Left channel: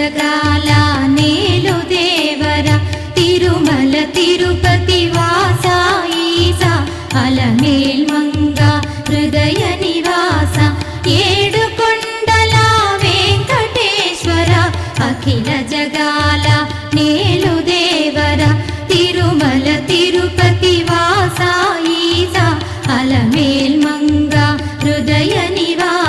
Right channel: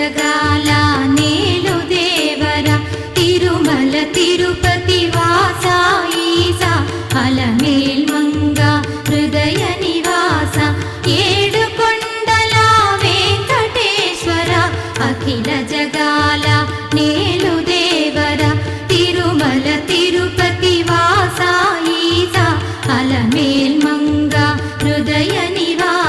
జగాల నేలు దేవర తిరుమల తిరుపతి వాస ఈసా అలమేల్ మంగ హృదయ నివాస ఏడు కొండల వెంకటేశ్వర అఖిల జగాల నేలు దేవర తిరుమల తిరుపతి వాస ఈసా అలమేల్ మంగ హృదయ నివాస